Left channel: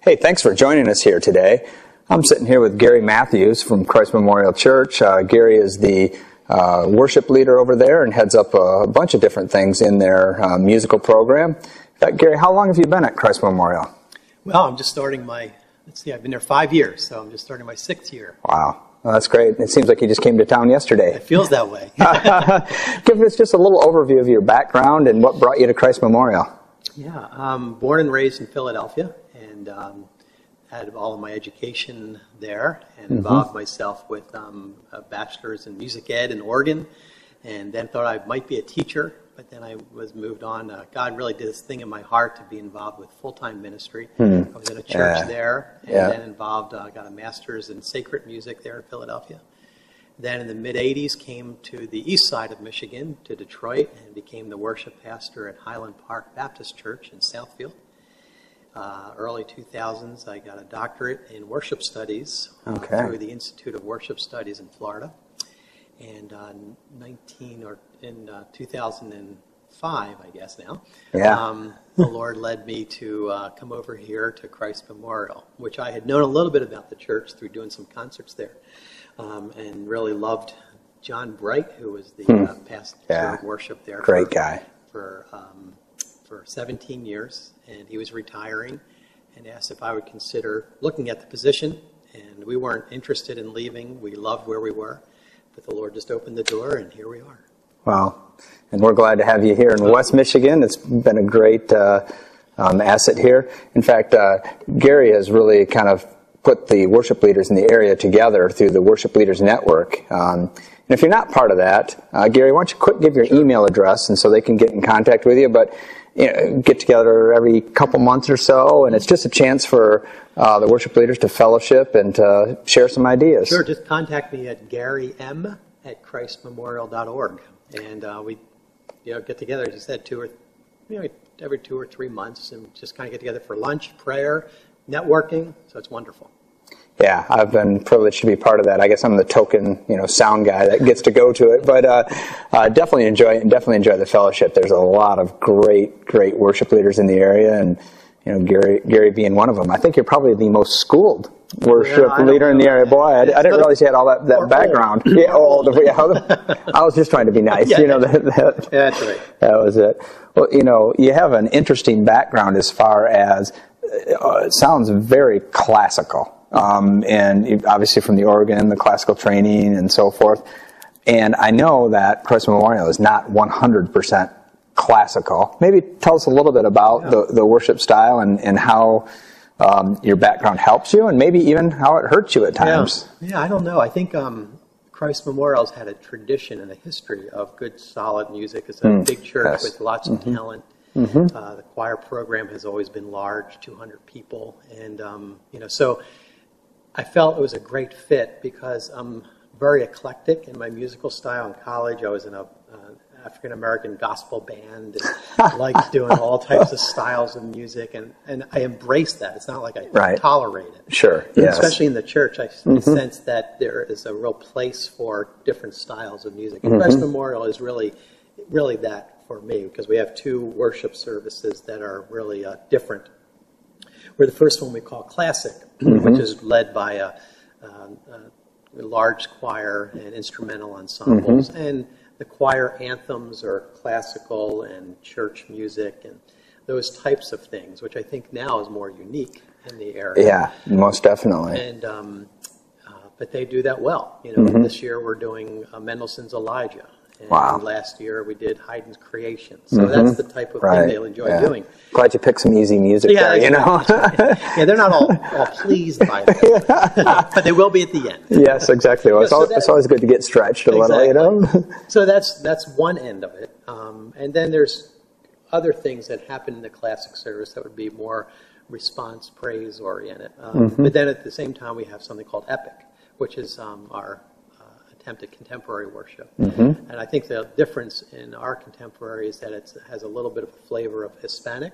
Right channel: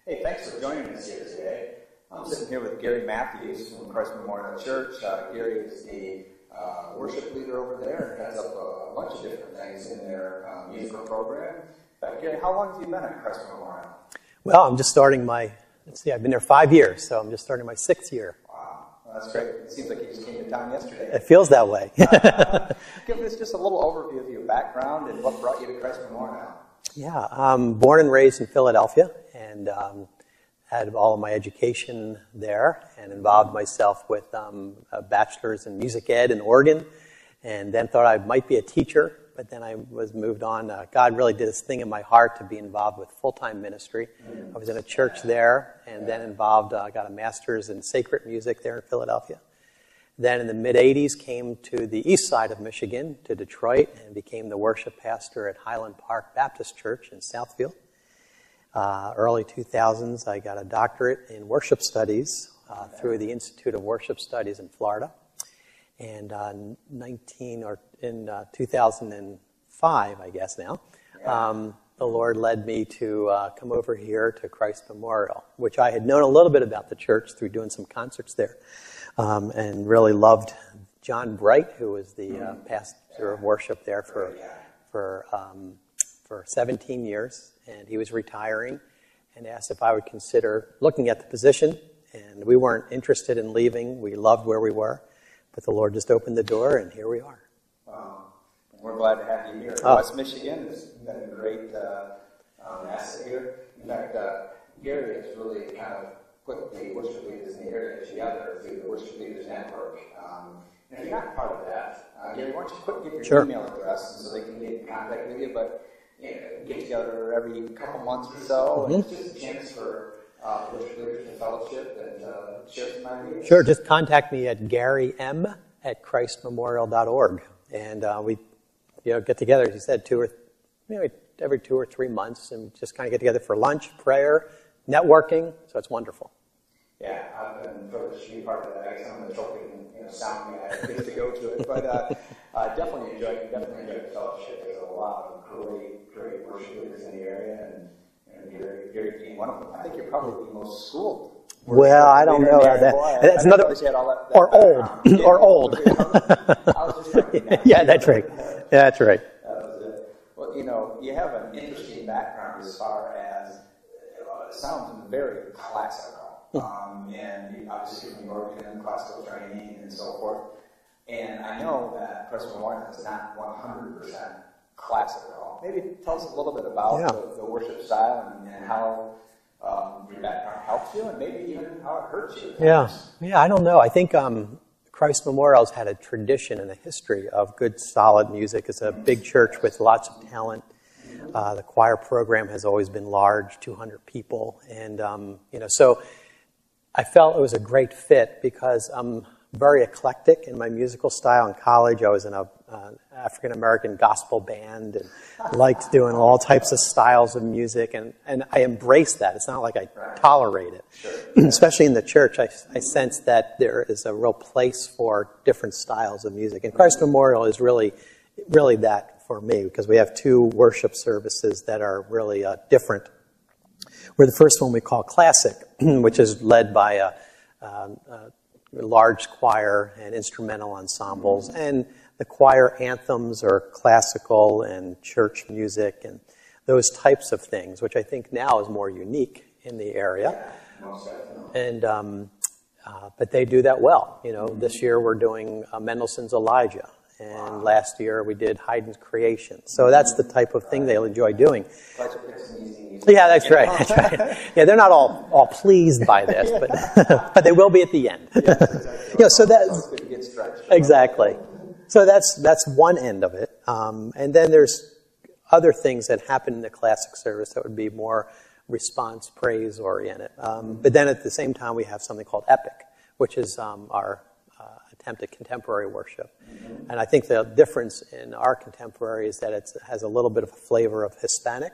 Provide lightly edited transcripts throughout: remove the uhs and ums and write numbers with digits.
Hey, thanks for joining us here today. I'm sitting here with Gary Matthews from Christ Memorial Church. Gary is the worship leader over there and heads up a bunch of different things in their musical program. In fact, Gary, how long have you been at Christ Memorial? Well, I'm just starting my, I've been there 5 years, so I'm just starting my 6th year. Wow. Well, that's great. It seems like you just came to town yesterday. It feels that way. Give us just a little overview of your background and what brought you to Christ Memorial. Yeah, I'm born and raised in Philadelphia, and had all of my education there, and involved myself with a bachelor's in music ed and organ, and then thought I might be a teacher, but then I was moved on. God really did this thing in my heart to be involved with full-time ministry. I was in a church there, and then involved, got a master's in sacred music there in Philadelphia. Then in the mid-'80s came to the east side of Michigan, to Detroit, and became the worship pastor at Highland Park Baptist Church in Southfield. Early 2000s, I got a doctorate in worship studies through the Institute of Worship Studies in Florida. And in 2005, I guess now, the Lord led me to come over here to Christ Memorial, which I had known a little bit about the church through doing some concerts there. And really loved John Bright, who was the pastor of worship there. Great guy. For 17 years, and he was retiring, and asked if I would consider looking at the position. And we weren't interested in leaving. We loved where we were, but the Lord just opened the door, and here we are. Wow. And we're glad to have you here in West Michigan. It's been a great asset here. In fact, Gary has really kind of put the worship leaders in the area together through the Worship Leaders Network. And if you're not part of that, Gary, why don't you give your email address and so they can get in contact with you. But get together every couple months or so, and it's just a chance for the worship leaders to fellowship and to share some ideas. Sure, just contact me at garym@christmemorial.org, and we get together, as you said, maybe every 2 or 3 months, and just kind of get together for lunch, prayer, networking, so it's wonderful. Yeah, I've been privileged to be part of that. I guess I'm the token, sound guy that gets to go to it, but definitely enjoy it and definitely enjoy the fellowship. There's a lot of great worship leaders in the area, and Gary being one of them. I think you're probably the most schooled worship leader in the area. Boy, I didn't realize you had all that background. Old. I was just trying to be nice. That's right. That was it. Well, you have an interesting background as far as it sounds very classical. And obviously from the organ, the classical training, and so forth. And I know that Christ Memorial is not 100% classical. Maybe tell us a little bit about the worship style and how your background helps you, and maybe even how it hurts you at times. Yeah, I don't know. I think Christ Memorial's had a tradition and a history of good, solid music. It's a big church with lots of talent. The choir program has always been large, 200 people, and so I felt it was a great fit because I'm very eclectic in my musical style. In college, I was in an African-American gospel band and liked doing all types of styles of music, and I embraced that. It's not like I tolerate it. Sure. Especially in the church, I sense that there is a real place for different styles of music. And Christ Memorial is really that for me, because we have 2 worship services that are really different. Where the first one we call classic, which is led by a large choir and instrumental ensembles, and the choir anthems are classical and church music and those types of things, which I think now is more unique in the area. Yeah, most definitely. And but they do that well. This year we're doing Mendelssohn's Elijah. And last year we did Haydn's Creation. So that's the type of thing they'll enjoy doing. Glad you picked some easy music. Yeah, that's right. Yeah, they're not all pleased by this, but they will be at the end. Yes, exactly. Well, it's always good to get stretched a little. So that's one end of it. And then there's other things that happen in the classic service that would be more response, praise oriented. But then at the same time we have something called Epic, which is our attempt at contemporary worship. And I think the difference in our contemporary is that it has a little bit of a flavor of Hispanic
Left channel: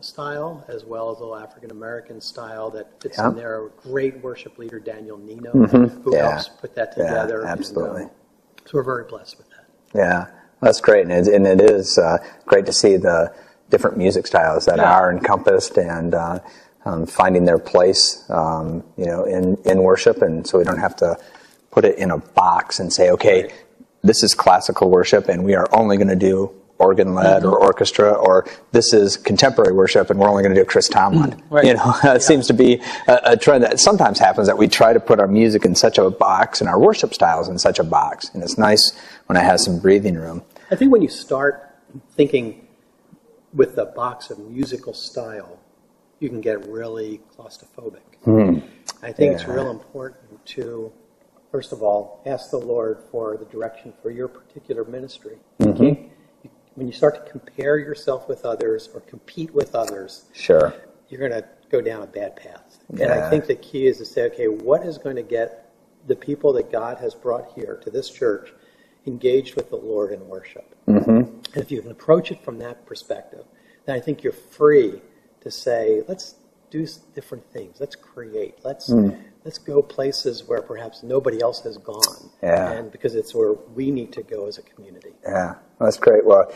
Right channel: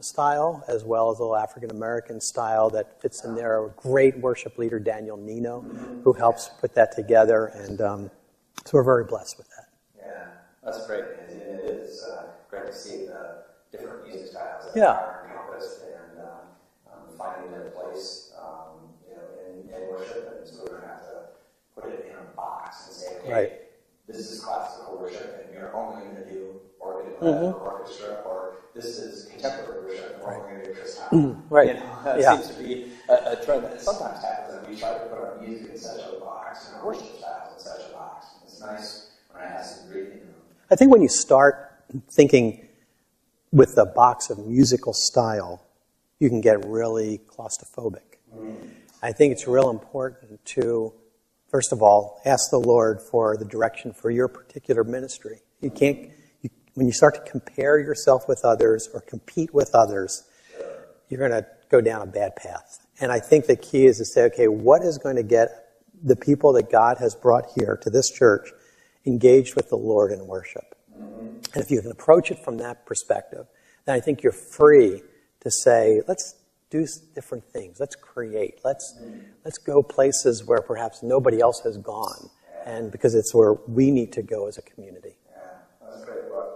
style, as well as a little African-American style that fits in there. A great worship leader, Daniel Nino, who helps put that together. Yeah, absolutely. And, so we're very blessed with that. Yeah, that's great. And it is great to see the different music styles that are encompassed, and finding their place, in worship, and so we don't have to put it in a box and say, okay, right. This is classical worship, and we are only going to do organ-led or orchestra, or this is contemporary worship, and we're only going to do Chris Tomlin. Right. It seems to be a trend that sometimes happens, that we try to put our music in such a box and our worship styles in such a box, and it's nice when it has some breathing room. I think when you start thinking with the box of musical style, you can get really claustrophobic. I think it's real important to, first of all, ask the Lord for the direction for your particular ministry. You can't, when you start to compare yourself with others or compete with others, Sure. you're going to go down a bad path. And I think the key is to say, okay, what is going to get the people that God has brought here to this church engaged with the Lord in worship? And if you can approach it from that perspective, then I think you're free to say, let's do different things. Let's create. Let's go places where perhaps nobody else has gone. Yeah. And because it's where we need to go as a community. Yeah, that's great. Well,